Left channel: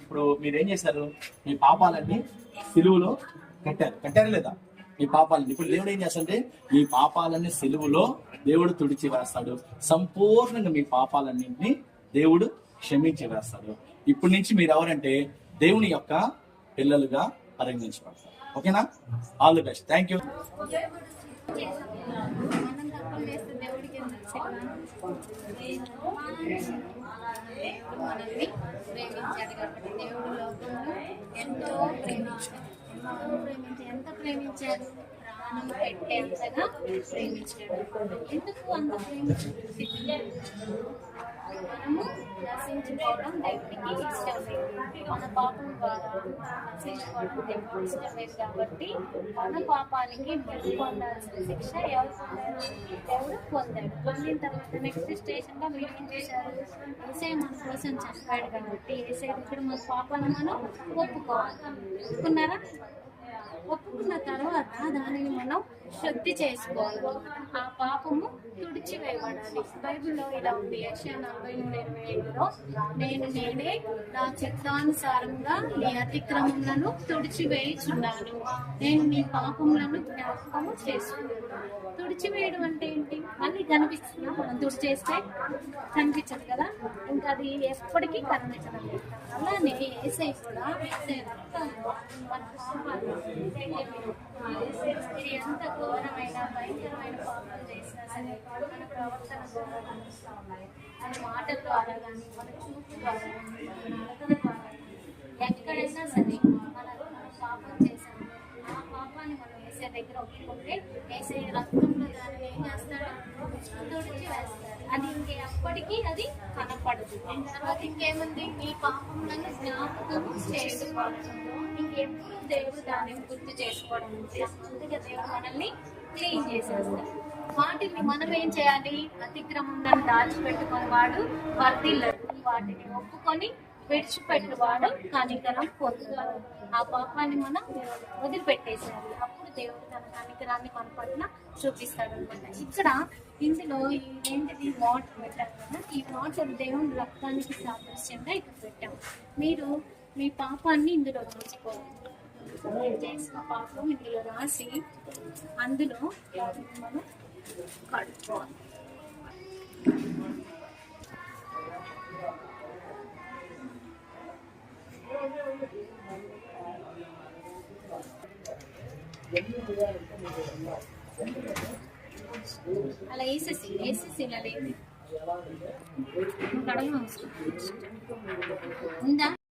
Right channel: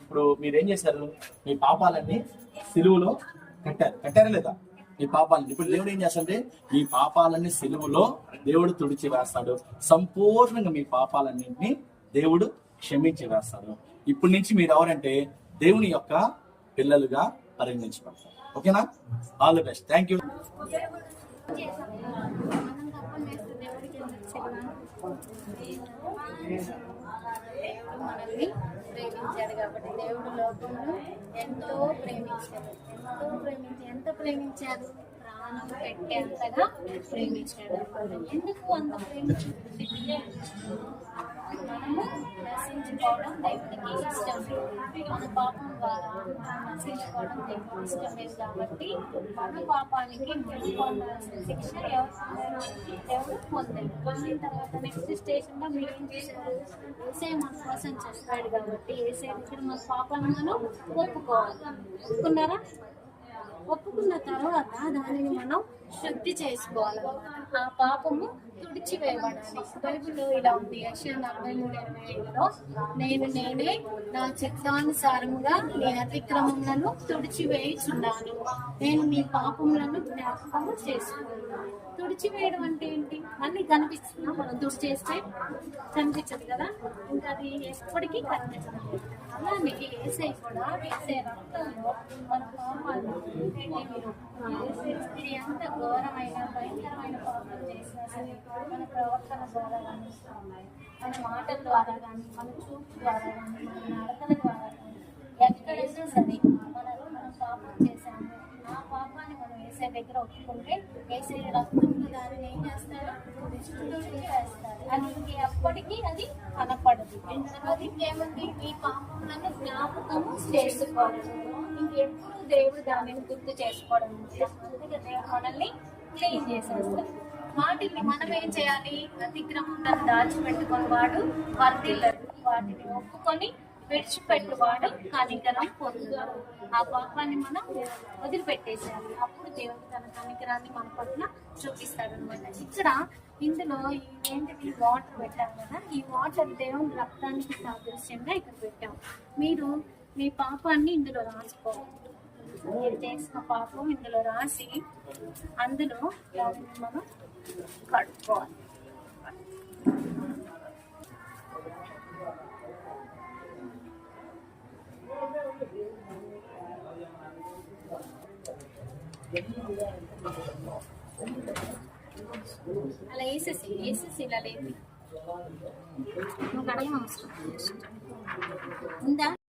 ఇప్పుడు మీరేం చేశారు? మీ పాపాలన్నీ సిలువలో కట్టారా లేదా? మీ పాపాలని ఇప్పుడు దేవుడు ఏం చేస్తాడంటే మీ పాపాలన్నీ సిలువలో దేవుడు తుడిచి వేస్తాడు. సంపూర్ణంగా మీ పాపాలన్నింటినీ దేవుడు క్షమించి వేస్తాడు. ఇప్పటి నుంచి మీరు ఎవరంటే దేవుని యొక్క పిల్లలుగా పరిగణించబడతారు. ఓకేనా? All the best. Thank you. మనల్ని ప్రేమించాడు కాబట్టి దేవుడు లోకంలో ఎంతో ప్రేమించాడు. ఎంత ప్రేమించాడు? ప్రాణం పెట్టేంతగా ప్రేమించాడు. ఎందుకు అంత ప్రేమించాడు? మనము నశించుకోవడం దేవుడికి ఇష్టం లేదు. మన పాపం ద్వారా నశించుకోవడం దేవుడికి ఇష్టం లేదు కాబట్టి మన పాపానికి మనం పొందాల్సిన శిక్ష దేవుడు పొందాడు. పొందిన తర్వాత నెక్స్ట్ స్టేషన్ లో మీరు ఏం చేశారు? ఏసే మన కోసం చెప్పాడు కాబట్టి ఏసే దగ్గర మన పాపాన్ని మనం ఒప్పుకోవాలి. ఒప్పుకున్నారా? ఒప్పుకున్న తర్వాత దానిని మనం శుద్ధి చేసుకోవాలన్నమాట. ఆ పాపము తుడిచివేయబడాలి. బైబిల్లో ఇలా ఉంది, యెషయా 40:25లో నేనే నా చిత్తానుసారంగా నీ అతిక్రమములను తుడిచివేయుచున్నాను, నేను నీ పాపములను జ్ఞాపకము చేసుకున్నాను. తుడిచివేయడం అంటే ఏంటి? మళ్ళీ కనిపిస్తుందా? మనం తుడిచేస్తే కనిపించదు కదా, ఇంకా అది ఎప్పటికీ కనిపించదు. అలానే ఏసై కూడా వేసే రక్తంలో మన పాపాలు ఎంత ఘోరమైన భయంకరమైన పాపాలు చేసినా సరే మన ప్రవర్తన ద్వారా కనిపిస్తూ ఉన్నాయి. మన మాటల ద్వారా కానీ, మన చూపు ద్వారా కానీ, మన నడకల ద్వారా కానీ, ఎక్కడైనా సరే మన పాపం చేశాము. ఆ పాపాన్ని మనం వేసే దగ్గర ఒప్పుకుంటే వేసే రక్తంలో దానిని ఏం చేస్తాడు? తుడిచి వేస్తాడు. అది ఇంకెప్పటికీ అది కనపడదు. తర్వాత ఇంకేముంది? ఈ పాపంలను జ్ఞాపకము చేసుకోవచ్చు. ఇంకెప్పుడు దేవుడు దానిని గుర్తు చేసుకోవడం అందుకే దేవుడు మనల్ని క్లీన్ చేసేస్తాడు. వాటిని మనం ఏం చేయాలి? అతిక్రమంగా దాచిపెట్టుకుని వాడు వర్ధిల్లడు. వాటిని ఒప్పుకొని విడిచిపెట్టువాడు కనికరం పొందుతాడు. ఆ పాపాన్ని మనం వదిలిపెట్టేసేయాలి. అప్పుడు దేవుడు తన కనికరాన్ని మన పట్ల చూపిస్తాడు అనమాట. ఇక్కడ ఇందులో ఏంటిది? వాటర్ పెట్టాం కదా, ఈ వాటర్ దేవుని రక్తానికి సాదృశ్యంగా ఇక్కడ పెట్టాం. మీరు మీ పాపాన్ని ఇందులో రాసుకోవాలి. మీరు చేసిన పాపం ఇందులో రాసి అందులో మనం కడుక్కోవాలి. అలా వేసేసి ఇలా లేదు, నువ్వు కడగ అవసరం ఉందా?